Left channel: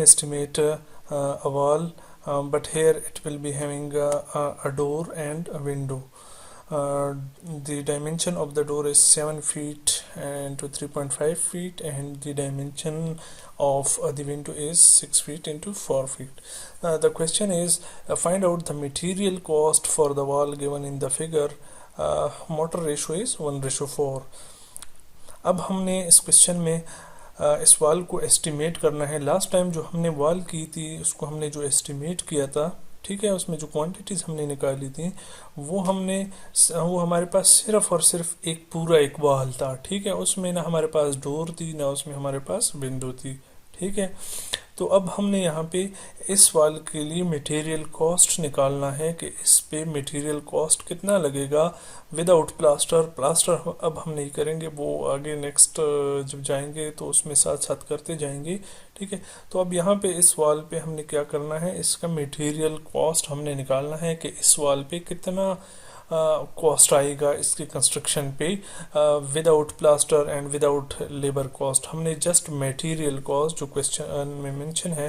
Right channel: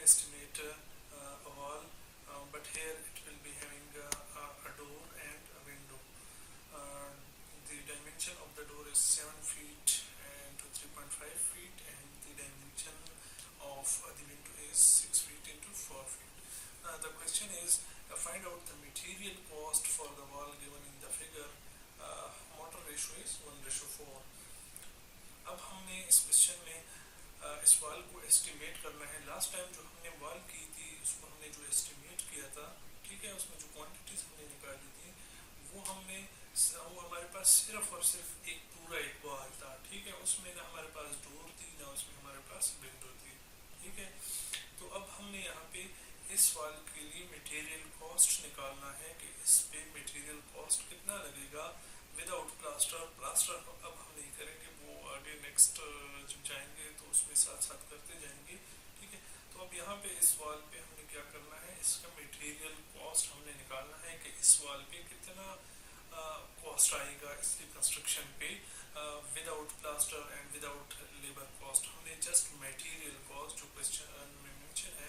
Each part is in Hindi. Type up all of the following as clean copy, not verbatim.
can estimate a wall, but here it will be having a door and a window. The dimension of the door is 7 feet into 3.5 feet, and the dimension of the window is 6 feet into 4 feet. The question is, find out the material cost for the wall given in the figure. Mortar ratio is 1:4. अब हमने इस क्वेश्चन में इस वाल को एस्टिमेट करना है. लास्ट टाइम जो हमने वाल की थी उसको हमने जो एस्टिमेट किया था, ठीक है, उसमें जो क्वांटिटीज हमने निकाली थी वो हमारे पास सिर्फ और सिर्फ एक वाल था. ठीक है, उसमें ना हमारे पास डोर थी ना उसमें हमारे पास विंडो थी. ठीक है, तो अब हमने यहाँ पे इस वाल के लिए मटेरियल कॉस्ट निकालना है कि इस पे मटेरियल कॉस्ट कितना लगेगा विदाउट प्लास्टर अब हम नहीं करेंगे, वो आगे नेक्स्ट जब जाएंगे तो उसमें साथ साथ करते जाएंगे. ठीक है, तो अब यहाँ पे इस वाल पे हमने क्या करना है, इसका मटेरियल कॉस्ट हमने निकालना है कि इस वाल पे कितना कॉस्ट आएगा इसके कंस्ट्रक्शन पे without plaster and without labour cost. हमने जस्ट मटेरियल कॉस्ट जो क्वेश्चन में मेंशन है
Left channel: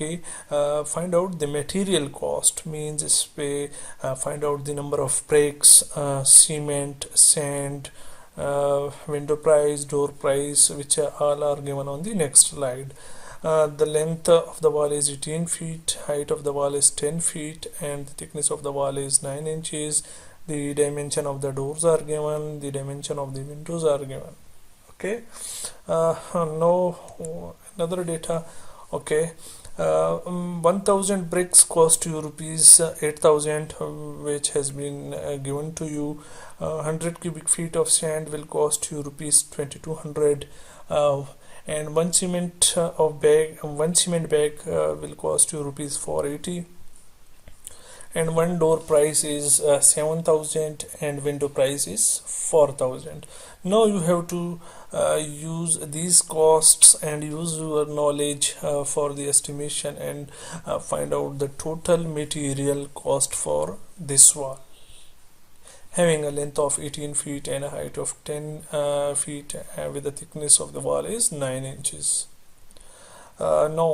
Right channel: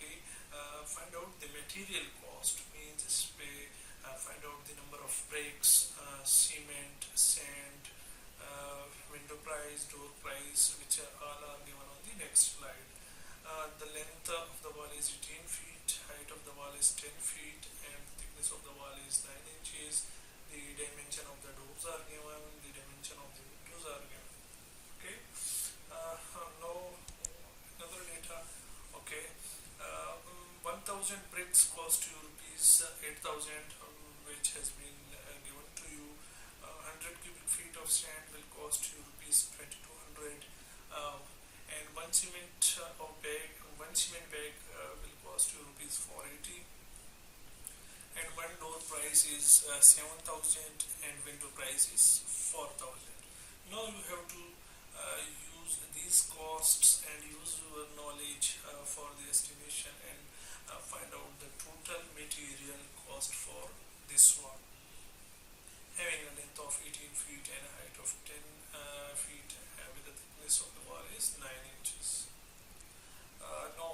कि find out the material cost means इस पे find out the number of bricks, cement, sand, window price, door price, which all are given on the next slide. The length of the wall is 18 feet, height of the wall is 10 feet, and the thickness of the wall is 9 inches. The dimension of the doors are given, the dimension of the windows are given. Okay, now another data. Okay, 1000 bricks cost you rupees 8000, which has been given to you. 100 cubic feet of sand will cost you rupees 2200, and one cement bag will cost you rupees 480, and one door price is 7000 and window price is 4000. Now you have to use these costs and use your knowledge for the estimation and find out the total material cost for this wall, having a length of 18 feet and a height of 10 feet with the thickness of the wall is 9 inches. Now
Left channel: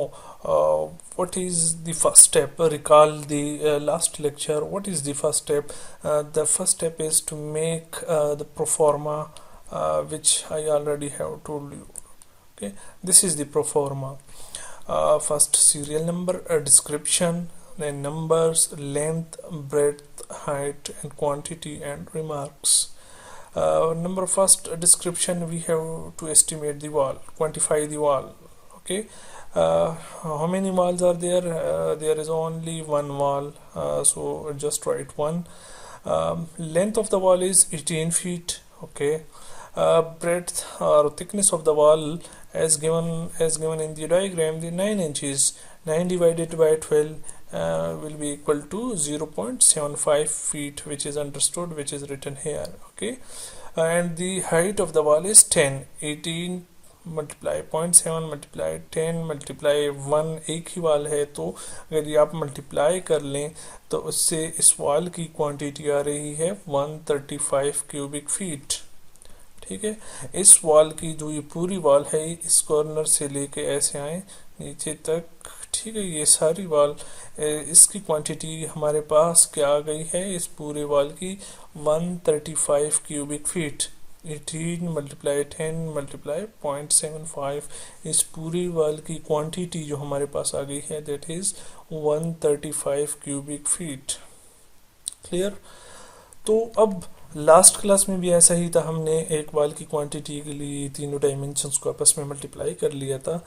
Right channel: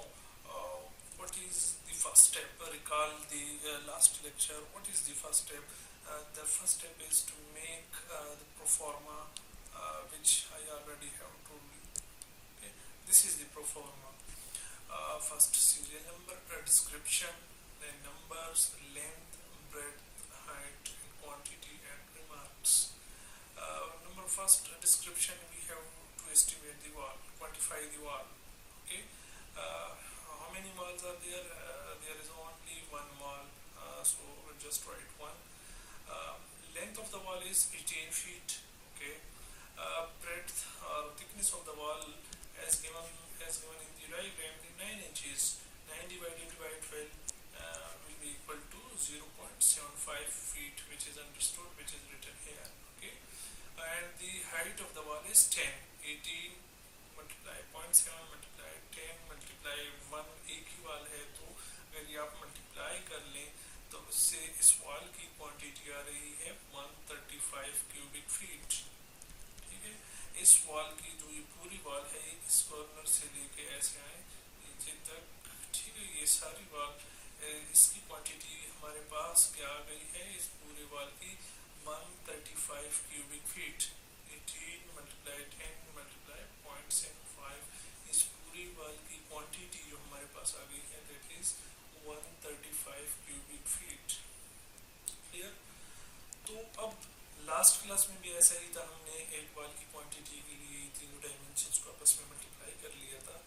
what is the first step? Recall the last lecture. What is the first step? The first step is to make the pro forma, which I already have told you. Okay, this is the pro forma. First serial number, a description, then numbers, length, breadth, height and quantity, and remarks. Number first, description, we have to estimate the wall, quantify the wall. Okay, how many walls are there? There is only one wall, so just write one. Length of the wall is 18 feet. Okay, breadth or thickness of the wall as given in the diagram, the 9 inches. 9 divided by 12 will be equal to 0.75 feet, which is understood, which is written here. Okay, and the height of the wall is 10. 18 multiply 0.7 multiply 10 multiply 1, एक ही वाल है, तो अगर ये आप मल्टीप्लाई कर लें तो उससे इस वाल की क्वांटिटी आ रही है 135 क्यूबिक फीट. ठीक है, इस वाल की जो ये पूरी वाल है इस कॉर्नर से लेके ऐसे आए नीचे तक. ठीक है, ये सारी वाल, इसकी क्वांटिटी हमारे पास क्या आ गई है इस पूरे वाल की 135 क्यूबिक फीट. 18 multiply 10 multiply 0.75, इस पूरी वाल की क्वांटिटी जो हमारे पास आ गई है that is 135 cubic feet. Clear? तो अब लास्ट क्लास में भी ऐसा ही था, हमने एक वाल की क्वांटिटी के लिए तीनों डायमेंशंस को आपस में मल्टीप्लाई कर लिया था.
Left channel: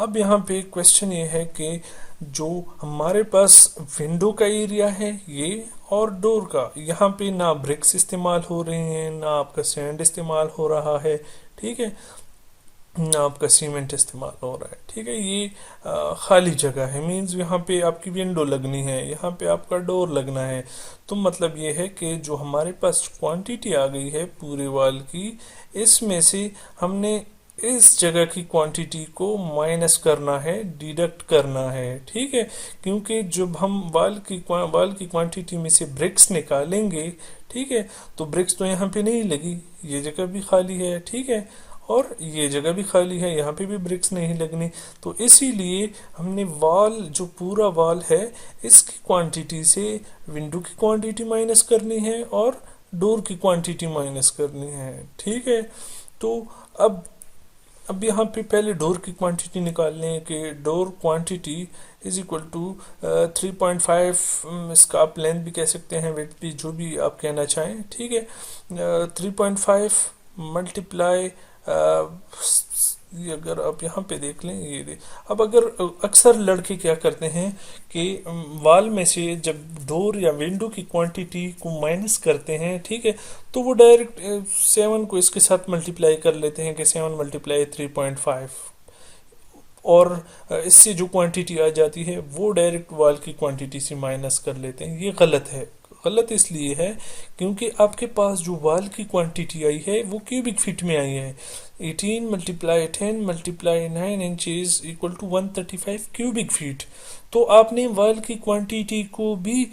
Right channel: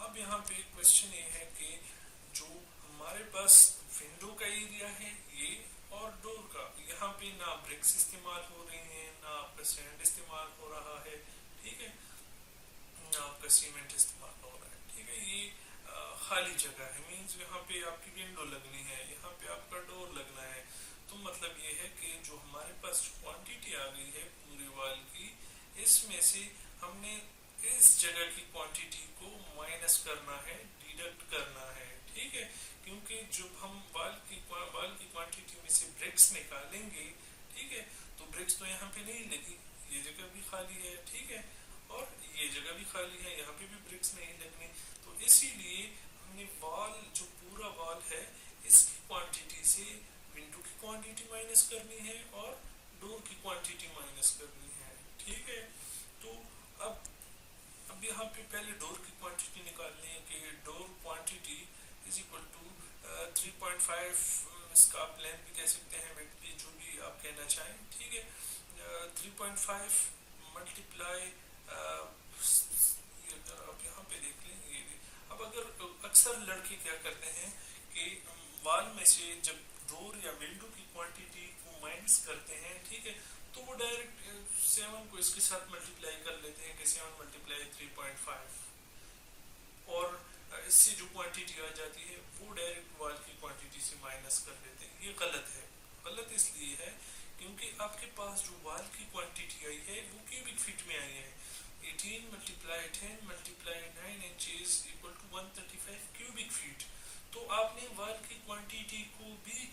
अब यहाँ पे क्वेश्चन ये है कि जो हमारे पास विंडो का एरिया है ये और डोर का, यहाँ पे ना ब्रिक्स इस्तेमाल हो रहे हैं, ना आपका सैंड इस्तेमाल हो रहा है. ठीक है, ना आपका सीमेंट इस्तेमाल हो रहा है. ठीक है, ये खाली जगह है, मींस यहाँ पे आपकी विंडो लगनी है, यहाँ पे आपका डोर लगना है. तो मतलब ये है कि जो हमारे पास क्वांटिटी आ गई है पूरे वाल की, इसमें से हमने इस जगह की क्वांटिटी को माइनस करना है, डिडक्ट करना है. ठीक है, क्योंकि जब हम वाल की क्वांटिटी में से ब्रिक्स निकालेंगे, ठीक है, तो ब्रिक्स तो यहाँ पे नहीं लगी, ये जगह भी खाली है. ठीक है, और ये जगह भी खाली है, यहाँ पे भी ब्रिक्स नहीं लगनी। तो इसीलिए हमने वाल, जो पूरा वाल है, इसकी क्वांटिटी से विंडो की क्वांटिटी माइनस करनी है और डोर की क्वांटिटी माइनस करनी है। ठीक है। तो अब यहाँ पे पहले डोर की क्वांटिटी निकाल लें कि door quantity is equal to 3.5, इसका आप लेंथ भी कह सकते हैं, वेट भी, जो भी आप कहना चाहें। ठीक है। 3.5 मल्टीप्लाई, ये अगर आप यहाँ पे देख लें, ये अब अगर अक्सर लड़के क्या करते हैं कि वाल में से जब डोर या विंडो की क्वांटिटी को माइनस करते हैं, ठीक है, तो वो डायरेक्ट 7 को इसके साथ मल्टीप्लाई कर लेते हैं कि 7 मल्टीप्लाई 3.5, और इससे जो क्वांटिटी आ जाती है वो डायरेक्ट वाल की क्वांटिटी से माइनस कर लेते हैं। ये गलत है। गलत इसलिए है क्योंकि आपके पास जो वाल की क्वांटिटी आई है वो क्यूबिक फीट में आई है। 18 multiply 10 multiply 9 inches equal to 135 cubic feet. तो आपने वाल की क्वांटिटी को भी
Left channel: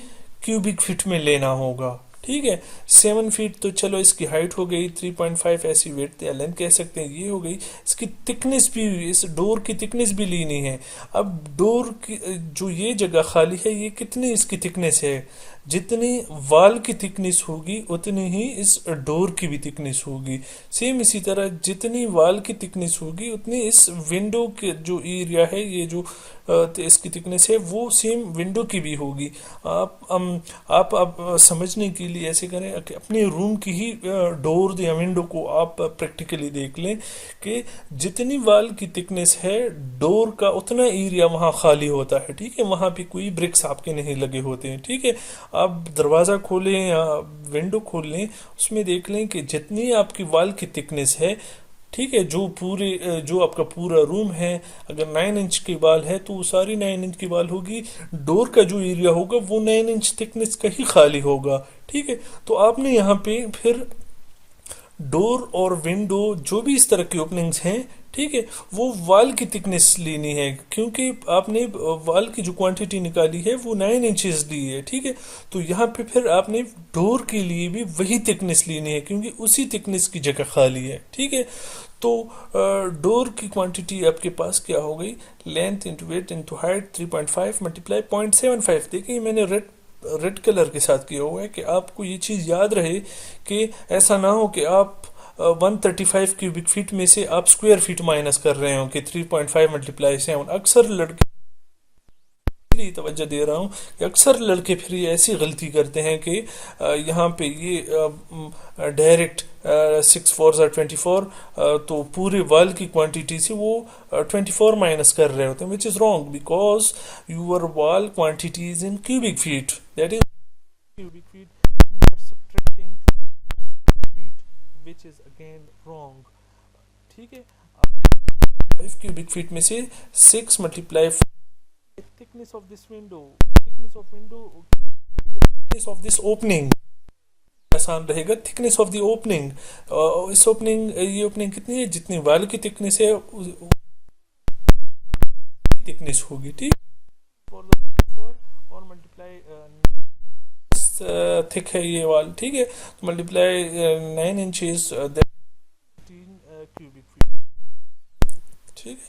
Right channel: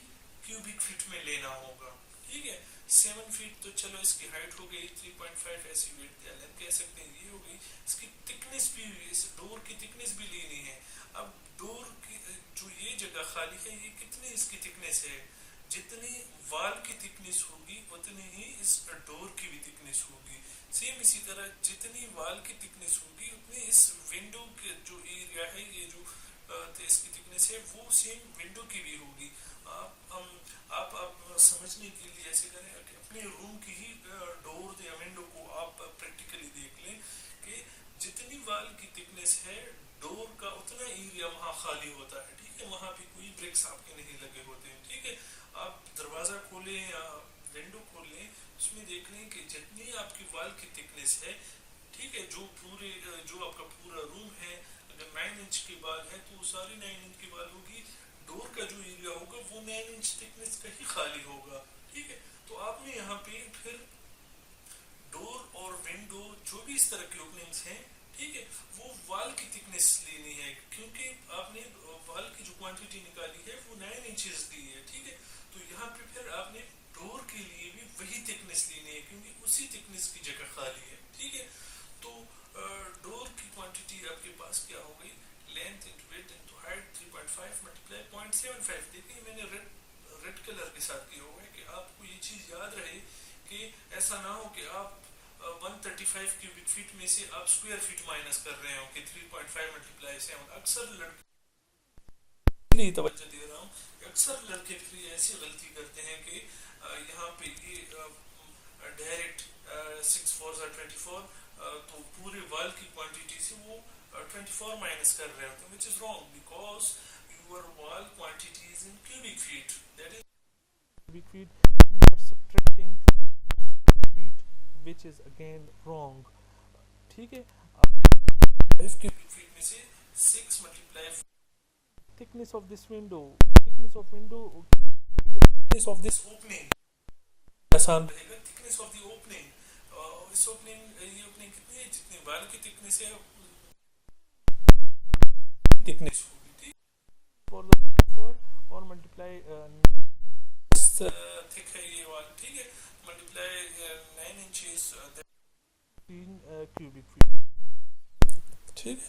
क्यूबिक फीट में लेना होगा। ठीक है। 7 फीट तो चलो इसकी हाइट हो गई, 3.5 ऐसी वेट या लेंथ कह सकते हैं, ये हो गई। इसकी थिकनेस भी, इस डोर की थिकनेस भी लेनी है। अब डोर की जो ये जगह खाली है, ये कितनी इसकी थिकनेस है, जितनी वाल की थिकनेस होगी उतनी ही इस डोर की भी थिकनेस होगी। सेम इसी तरह जितनी वाल की थिकनेस होगी उतनी इस विंडो के जो एरिया है, ये जो इसकी थिकनेस है, वो सेम विंडो की भी होगी। आप समझने के लिए ऐसे करें कि अपने रूम की ही डोर या विंडो को आप प्रैक्टिकली देख लें कि जितनी वाल की थिकनेस है डोर का उतना एरिया वहाँ खाली होता है। ठीक है। वहाँ पे कोई ब्रिक्स आपके नहीं लगे होते हैं। ठीक है। आप दरवाज़ा खोलें या विंडो खोल लें, उसमें देख लें कि जितनी आपकी वाल की थिकनेस है, ठीक है, जो आपका पूरा रूम है, अगर 9 इंच की वाल है तो वो सारी 9 इंच की वाल होगी। डोर का जो एरिया होगा वो 9 इंच थिकनेस का ही खाली होगा। ठीक है। तो आपने यहाँ पे फिर डोर और विंडो जो भी इस तरह की ओपनिंग्स हैं, ठीक है, वो वाल की थिकनेस लेनी है, क्योंकि आपने वाल की जो क्वांटिटी निकाली है वो 9 इंचेस ली है। ठीक है। तो यहाँ पे फिर आपने डोर के लिए भी वही थिकनेस लेनी है, क्योंकि उसी थिकनेस की जगह खाली है। ठीक है। तो डोर की क्वांटिटी आपके पास क्या हो गई, length into weight into height 3.5 multiply 0.75। देखिए मैंने रेड कलर के साथ किया हुआ है कि आपको ये चीज़ याद रहे कि ऐसा ना हो कि आप 135 क्यूबिक फीट में से आप स्क्वायर फीट माइनस कर रहे हो कि 3.5 मल्टीप्लाई 7। अक्सर लड़के, लिए तवज्जो दे रहा हूँ कि अक्सर लड़के फिर ये ऐसी गलती करते हैं कि यहाँ पे ये डायरेक्ट 6 4 24, तो पूरे वाल की क्वांटिटी से वो 24 माइनस कर रहे होते हैं, which is wrong, because your wall quantity is in cubic feet, that is cubic feet, you are subtracting feet, which is again wrong. ठीक है। 5 क्यूबिक फीट में से 6 multiply thickness of this window, thickness of window, thickness of this opening, आसान रहेगा, thickness of the opening। इस ओपनिंग, ये ओपनिंग कितनी है, जितनी वाल की थिकनेस है थिकनेस होगी। ठीक। और मल्टीप्लाई थिक है ये वाल। ठीक है। तो मल्टीप्लाई 9 इंचेस 13 क्यूबिक फीट। ठीक है।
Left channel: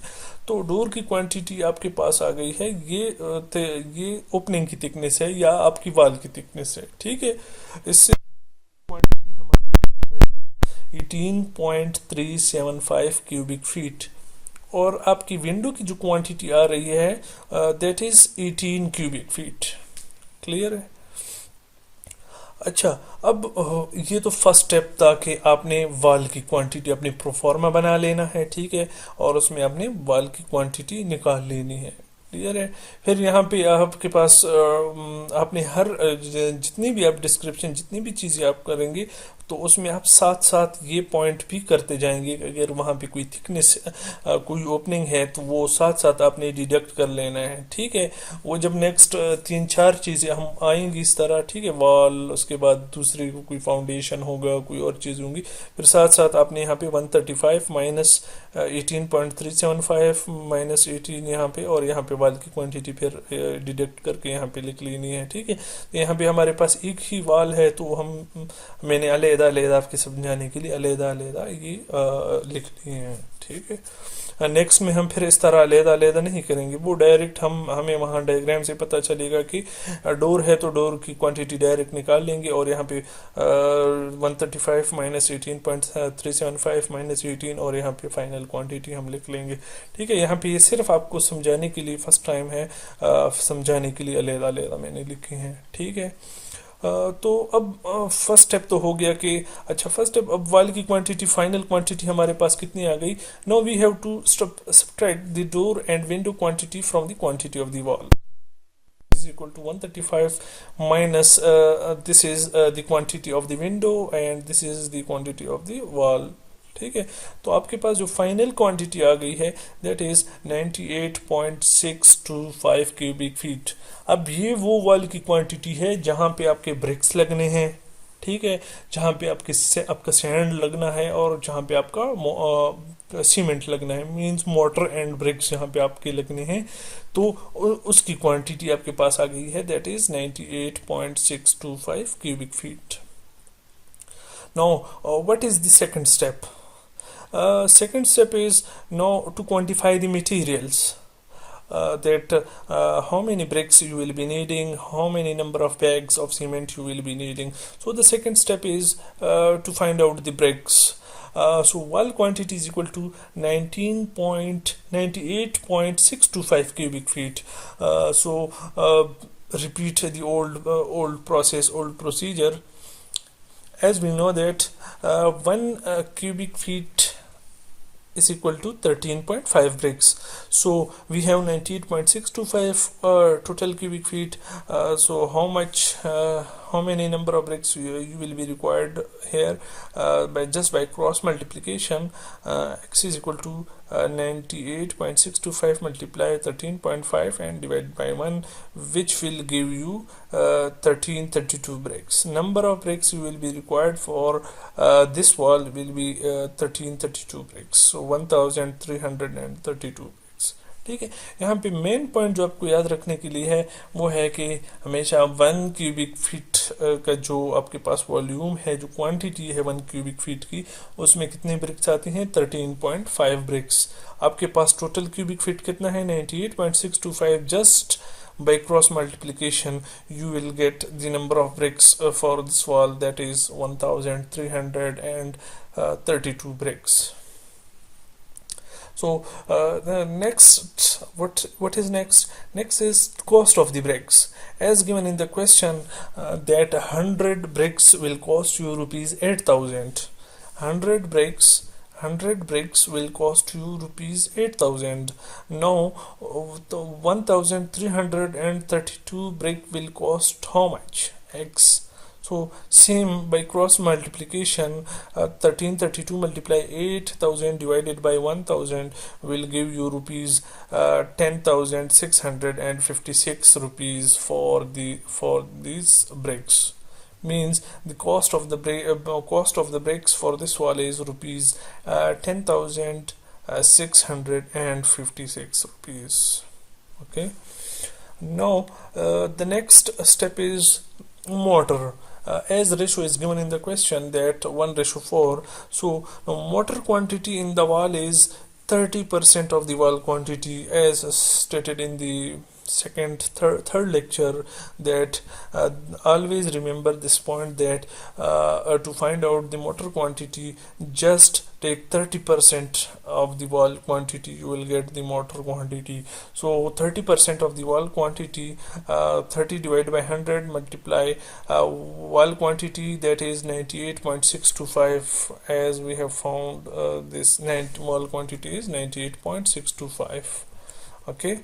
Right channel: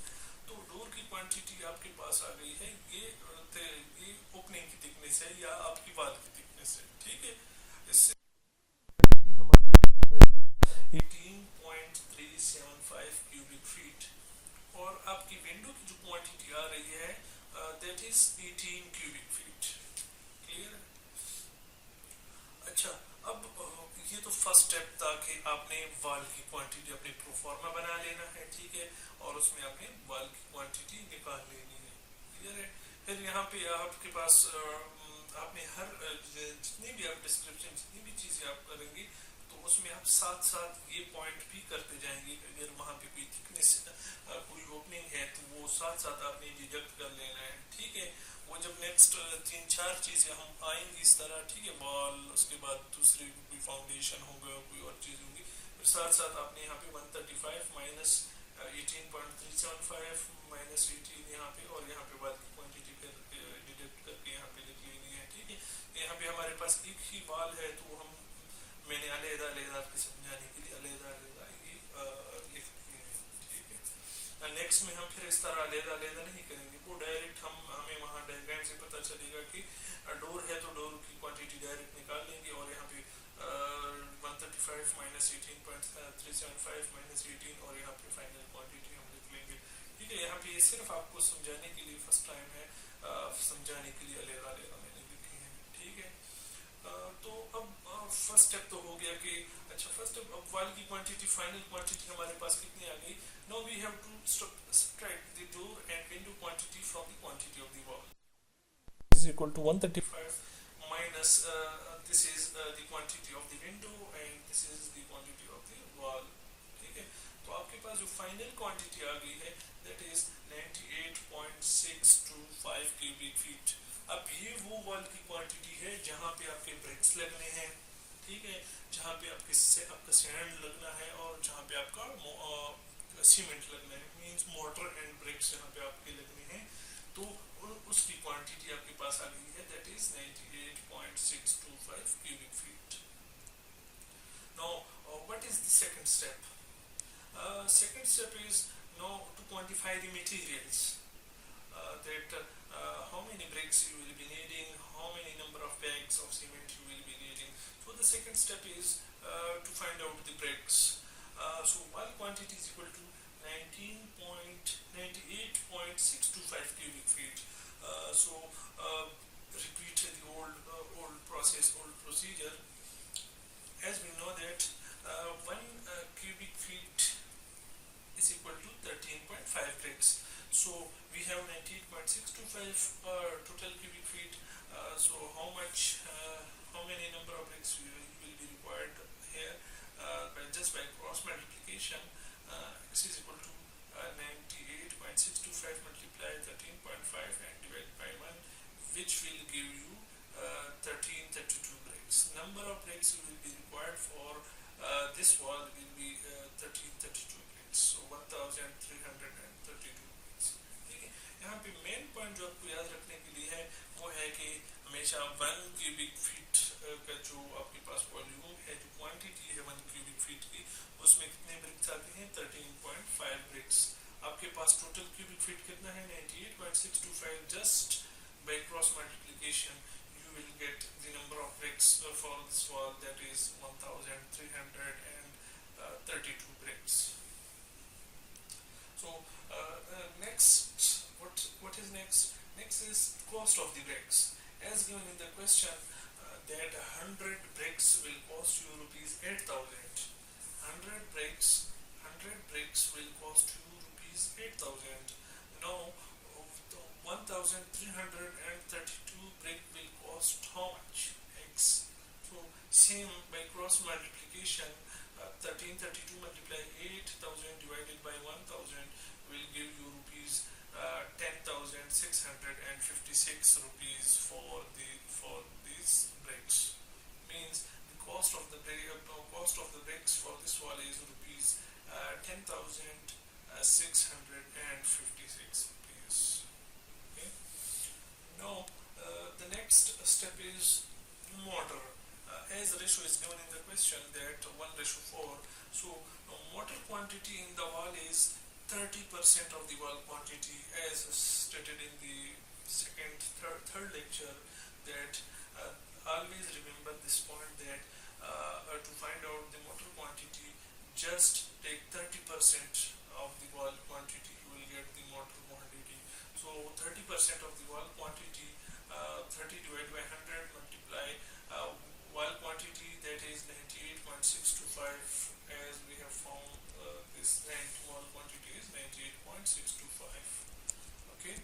तो डोर की क्वांटिटी आपके पास आ गई है, ये ओपनिंग की थिकनेस है या आपकी वाल की थिकनेस है। ठीक है। इससे क्वांटिटी हमारी 18.375 क्यूबिक फीट, और आपकी विंडो की जो क्वांटिटी आ रही है that is 18 cubic feet. Clear है। अच्छा, अब ये तो फर्स्ट स्टेप था कि आपने वाल की क्वांटिटी अपनी प्रोफॉर्मा बना लेना है। ठीक है। और उसमें आपने वाल की क्वांटिटी निकाल लेनी है। क्लियर है। फिर यहाँ पे आपके पास आपने हर जितनी भी आप डिस्क्रिप्शन, जितनी भी चीज़ें आप करेंगे तो उसमें आप साथ साथ ये पॉइंट भी करते जाएंगे। अगर वहाँ पे कोई थिकनेस, कोई ओपनिंग है तो वो साथ साथ आपने डिडक्ट कर लेना है। ठीक है। वो जब नेक्स्ट 3-4 चीज़ें हम आएंगी इस तरह, ठीक है, वॉल, उसके बाद दूसरी कोई फाउंडेशन होगा, कोई और चीज़ होंगी, फिर साथ साथ आपने यहाँ पे 135 माइनस 18.375 माइनस 18 यहाँ पे, और यहाँ पे वाल की क्वांटिटी फिर डिडक्ट करके यहाँ पे लिख लेनी है। ठीक है। तो यहाँ पे हमारे पास एक ही वाल है तो मैंने अलग अलग आपके समझाने के लिए अलग अलग ये लिखनी है, ठीक है। नेक्स्ट में हम फिर इस तरह अलग नहीं करेंगे, वो डायरेक्ट हमें वहाँ डायग्राम से पता चलेगा कि डोर है तो डोर की क्वांटिटी डायरेक्ट निकाल लेंगे, और यहाँ पे 135 माइनस 18.375 माइनस 18, और यहाँ पे फाइनल क्वांटिटी हम लिख लेंगे, ठीक है। यहाँ पे ये सिर्फ आपको समझाने के लिए फर्स्ट टाइम है, समझाने के लिए अलग अलग मैंने लिखे हैं, ठीक है। तो अब फर्स्ट स्टेप तो हो गया कि अच्छा, फर्स्ट स्टेप, अब वाल की क्वांटिटी, फाइनल क्वांटिटी हमारे पास कितनी आ गई। Now we have to subtract the door and window quantity from the quantity of the wall is equal to 135 minus this is the quantity of the window and this is the quantity of the wall, ठीक है। तो आपके पास जो फाइनल क्वांटिटी आ गई है दैट इज 98.625 क्यूबिक फीट। अब ये वो वॉल की क्वांटिटी है जहां पे आपके ब्रिक्स लगने हैं, ठीक है, जहां पे आपका सैंड लगना है और जहां पे आपका सीमेंट लगना है, मींस मोटर एंड ब्रिक्स जहां पे आपके लगने हैं, तो उसकी क्वांटिटी आपके पास आ गई है that is 98.625 cubic feet. Now what is the second step? Second step is now to quantify the materials, that how many bricks you will be needing, how many number of bags of cement you will be needing. So the second step is to find out the bricks. So wall quantity is equal to 98.625 cubic feet. Repeat the old procedure. As we know that 1 cubic feet is equal to 13.5 bricks. So we have 98.625 total cubic feet. So how many number of bricks you will be required here, by cross multiplication. X is equal to 98.625 multiply 13.5 and divide by 1, which will give you 1332 bricks. Number of bricks you will be required for this wall will be 1332 bricks, so 1332 bricks, ठीक है। यहाँ पे मेन पॉइंट जो आपको याद रखने के लिए है वो है कि हमेशा 1 क्यूबिक फीट का जो आपके पास वॉल्यूम है, जो क्वांटिटी है 1 क्यूबिक फीट की, उसमें कितने ब्रिक्स आते हैं? 13.5 ब्रिक्स। आपके पास टोटल क्यूबिक फीट कितना है? 98.625। Just by cross multiplication you will get the number of bricks for this wall, that is 1332 bricks. So the next, what is next? Next is cost of the bricks. As given in the question, that 100 bricks will cost you rupees 8,000. 100 bricks will cost you rupees 8,000. Now the 1332 brick will cost how much? X. So same, by cross multiplication, 1332 multiply 8,000 divided by 1,000 will give you rupees 10,656 rupees for these bricks. Means the cost of the bricks for this wall is rupees 10,656 rupees. Okay. Now the next step is mortar. As ratio is given in the question that 1:4, so mortar quantity in the wall is 30% of the wall quantity, as stated in the third lecture, that always remember this point, that to find out the mortar quantity, just take 30% of the wall quantity, you will get the mortar quantity. So 30% of the wall quantity, 30 divided by 100 multiply wall quantity, that is 98.625, as we have found this wall quantity is 98.625. Okay,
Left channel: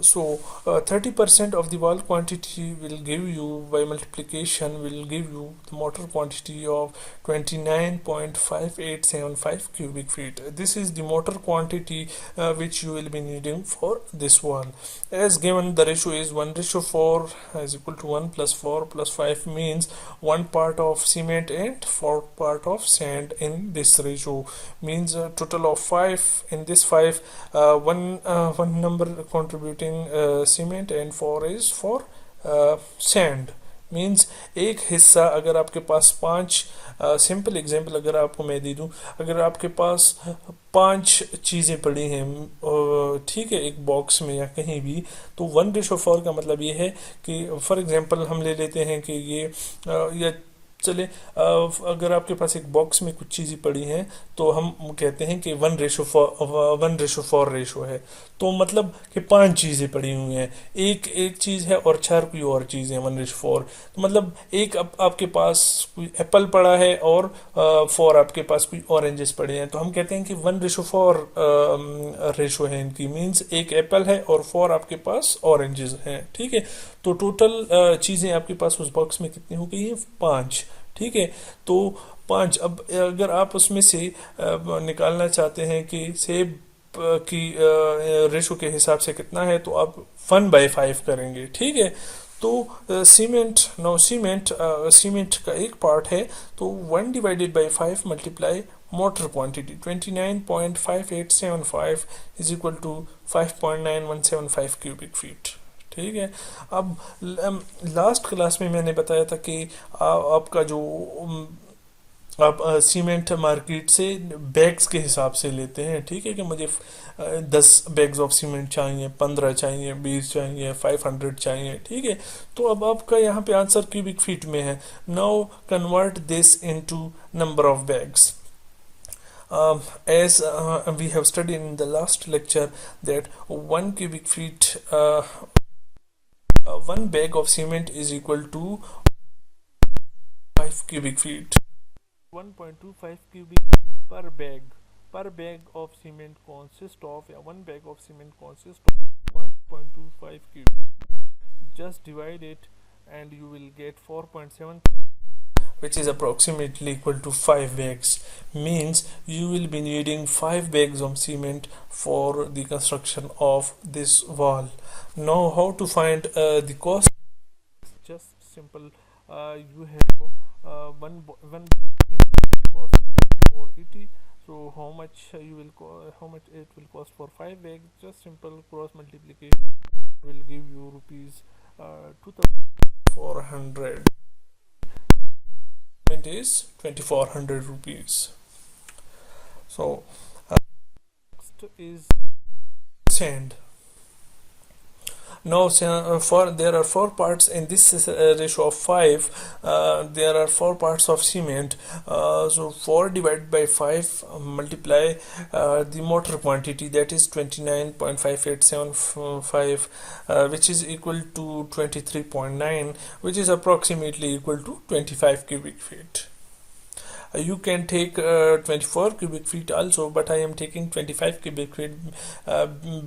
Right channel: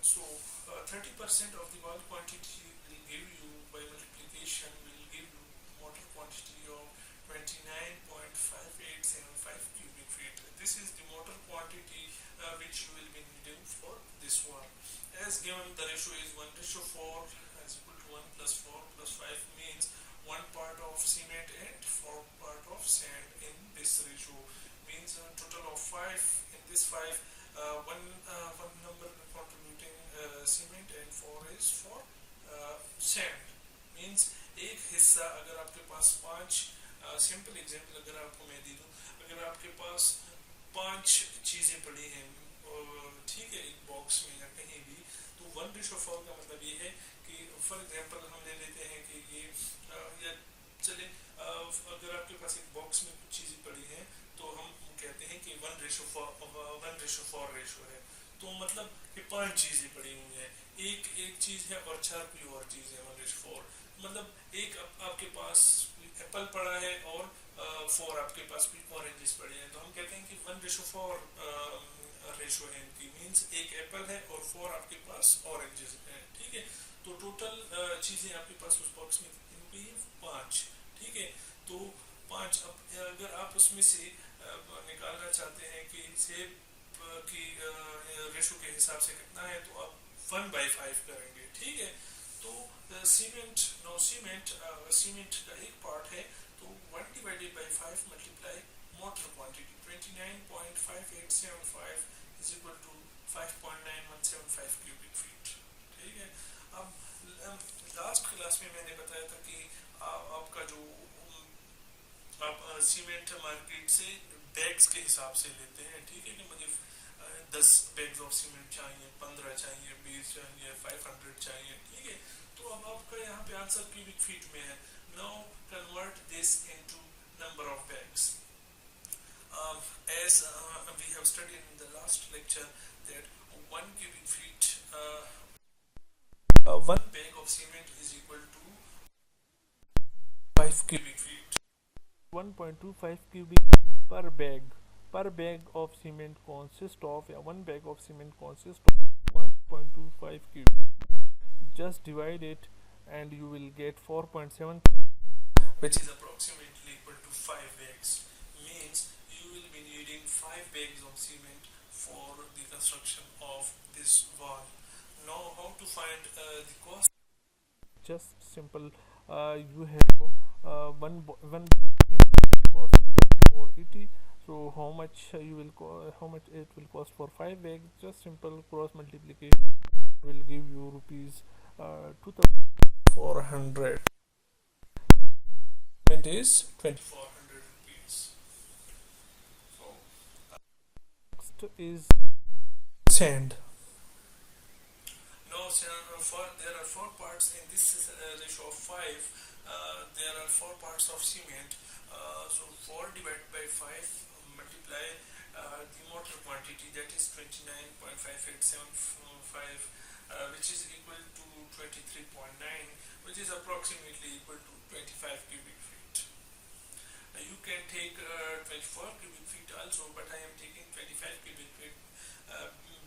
so 30% of the wall quantity will give you, by multiplication, will give you the mortar quantity of 29.5875 cubic feet. This is the mortar quantity which you will be needing for this wall. As given, the ratio is 1:4, is equal to 1 plus 4 plus 5, means 1 part of cement and 4 part of sand in this ratio, means a total of 5. In this 5, one number contributing cement and 4 is for sand, means एक हिस्सा, अगर आपके पास 5 सिंपल एग्जांपल अगर आपको मैं दे दूं, अगर आपके पास 5 चीज़ें पड़ी हैं, ठीक है, एक बॉक्स में या कहीं भी, तो 1:4 का मतलब ये है कि फॉर एग्जांपल हम ले लेते हैं कि ये या चले अगर आपके पास एक बॉक्स में कुछ चीज़ें पड़ी हैं तो हम कहते हैं कि 1:4 रेशो है, तो मतलब कि 5 चीज़ें पड़ी हुई हैं, एक एक चीज़ है और 4 कोई और चीज़ है, 1:4, तो मतलब एक आपके पास कोई एप्पल पड़ा है और 4 आपके पास कोई ऑरेंजेस पड़े हैं, तो हम कहते हैं कि 1:4 रेशो है इनकी, मीन्स एक एप्पल है और 4 आपके पास ऑरेंजेस हैं, ठीक है। तो टोटल चीज़ें आपके पास उस बॉक्स में कितनी हो गई है, 5, ठीक है। तो 5, अब अगर आप उसमें से निकालना चाहते हैं कि सेब की रेशो के हिसाब से कितना है, तो आप 1/5 करेंगे, ठीक है। तो सीमेंट का एक पार्ट है, तो 1/5 multiply mortar quantity 29.5875 is equal to 5.9175 cubic feet, ठीक है। अब लास्ट क्लास में मैंने बताया था कि आपका जो आप सीमेंट मार्केट से बैग्स के हिसाब से लेते हैं, ठीक है, कि मुझे 10 बैग्स ऑफ सीमेंट चाहिए, 15 चाहिए, 20 चाहिए, 500 चाहिए, ठीक है। तो अब आपका यहाँ पे आंसर क्यूबिक फीट में है। Now convert this into number of bags. As we have studied in the last lecture that 1 cubic feet 1 bag of cement is equal to 5 cubic feet. 1.25 cubic feet per bag. Per bag of cement consists of, yeah, 1 bag of cement consists of 1.25 cubic. Just divide it and you will get 4.7, which is approximately equal to 5 bags. Means you will be needing 5 bags of cement for the construction of this wall. Now how to find the cost? Just simple. You have one cost 480. So how much how much it will cost for 5 bags? Just simple cross multiplication will give you rupees 2,400. It is 2,400 rupees. So next is sand. Now there are 4 parts in this ratio of 5. There are 4 parts of cement. So 4 divided by 5 multiply the mortar quantity, that is 29.5875, which is equal to 23.9, which is approximately equal to 25 cubic feet. You can take 24 cubic feet also, but I am taking 25 cubic feet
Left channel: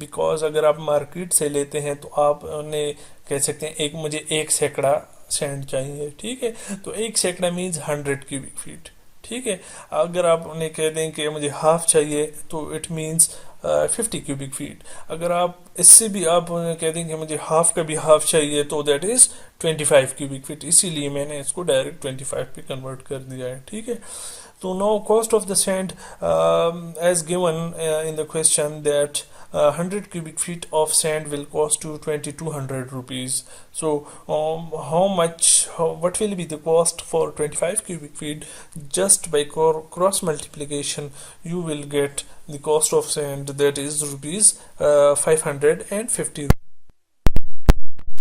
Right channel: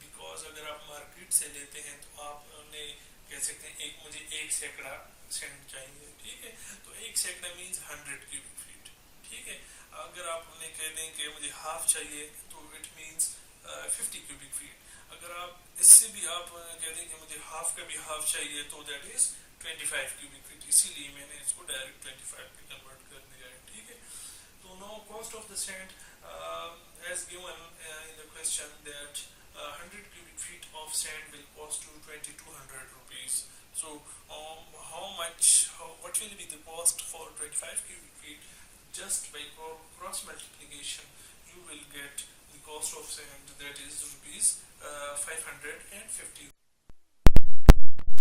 because अगर आप मार्केट से लेते हैं तो आप उन्हें कह सकते हैं मुझे 1 सैकड़ा सैंड चाहिए, ठीक है। तो 1 सैकड़ा मीन्स 100 क्यूबिक फीट, ठीक है। अगर आप उन्हें कह दें कि मुझे हाफ चाहिए तो इट मीन्स 50 क्यूबिक फीट। अगर आप इससे भी आप कह दें कि मुझे हाफ का भी हाफ चाहिए तो दैट इज 25 क्यूबिक फीट, इसीलिए मैंने इसको डायरेक्ट 25 पे कन्वर्ट कर दिया है, ठीक है। तो now cost of the sand as given in the question that 100 cubic feet of sand will cost you 2200 rupees. So what will be the cost for 25 cubic feet? Just by cross multiplication you will get the cost of sand, that is rupees 550.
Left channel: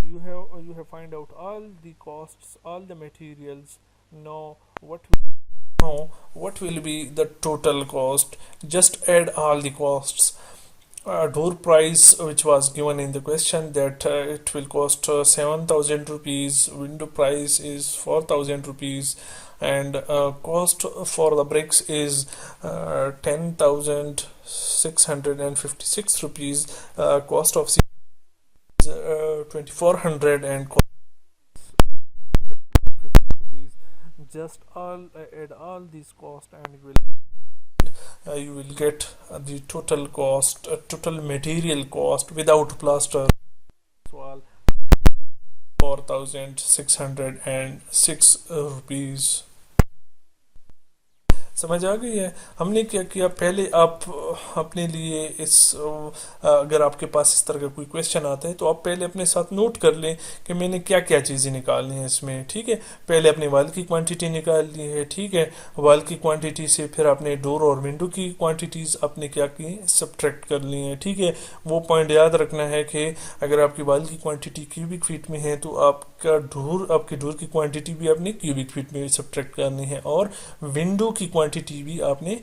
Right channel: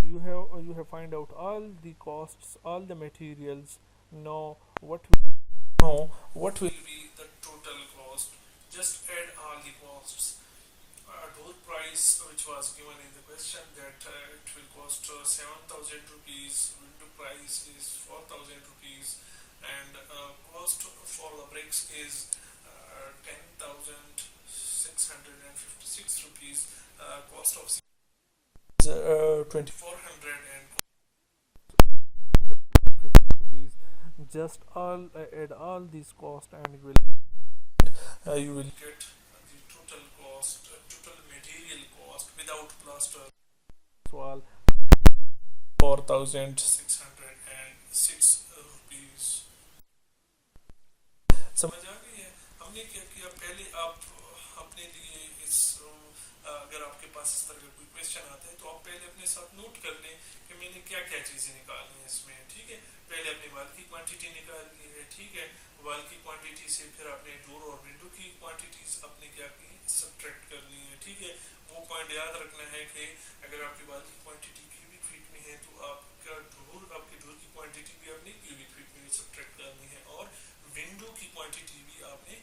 You have find out all the costs, all the materials. Now what will be the total cost? Just add all the costs. Door price which was given in the question, that it will cost 7,000 rupees, window price is 4,000 rupees, and cost for the bricks is 10,656 rupees, cost of 2,400, and cost 50 rupees. Just add all these costs and you will get the total cost, total material cost without plaster, so 4,606 rupees. समझ आ गई है? हमने क्या किया, पहले आप अपने लिए अगर आपके पास इस तरह का कोई क्वेश्चन आता है तो आप पहले अपने साथ नोट कर लें कि मैंने क्या क्या चीज़ें निकालनी है इसमें, ठीक है। पहले अपने वाल की क्वांटिटी निकाल ली है, ठीक है। वाल की क्वांटिटी से फिर आपने डोर और विंडो की क्वांटिटीज आपने क्या की, सब्ट्रैक्ट कर ली है, ठीक है। वो पॉइंट याद रखना है कि अगर आपकी वाल की क्वांटिटी क्यूबिक फीट में है तो आपकी डोर की क्वांटिटी भी आपने क्यूबिक फीट में सब्ट्रैक्ट करनी है, और विंडो की क्वांटिटी भी आपने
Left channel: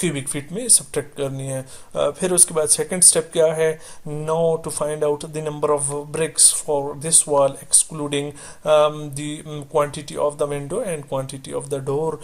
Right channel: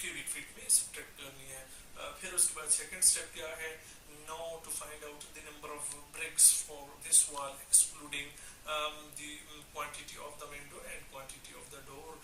क्यूबिक फीट में सब्ट्रैक्ट करनी है। फिर उसके बाद सेकंड स्टेप क्या है, no to find out the number of bricks for this wall excluding the quantity of the window and quantity of the door.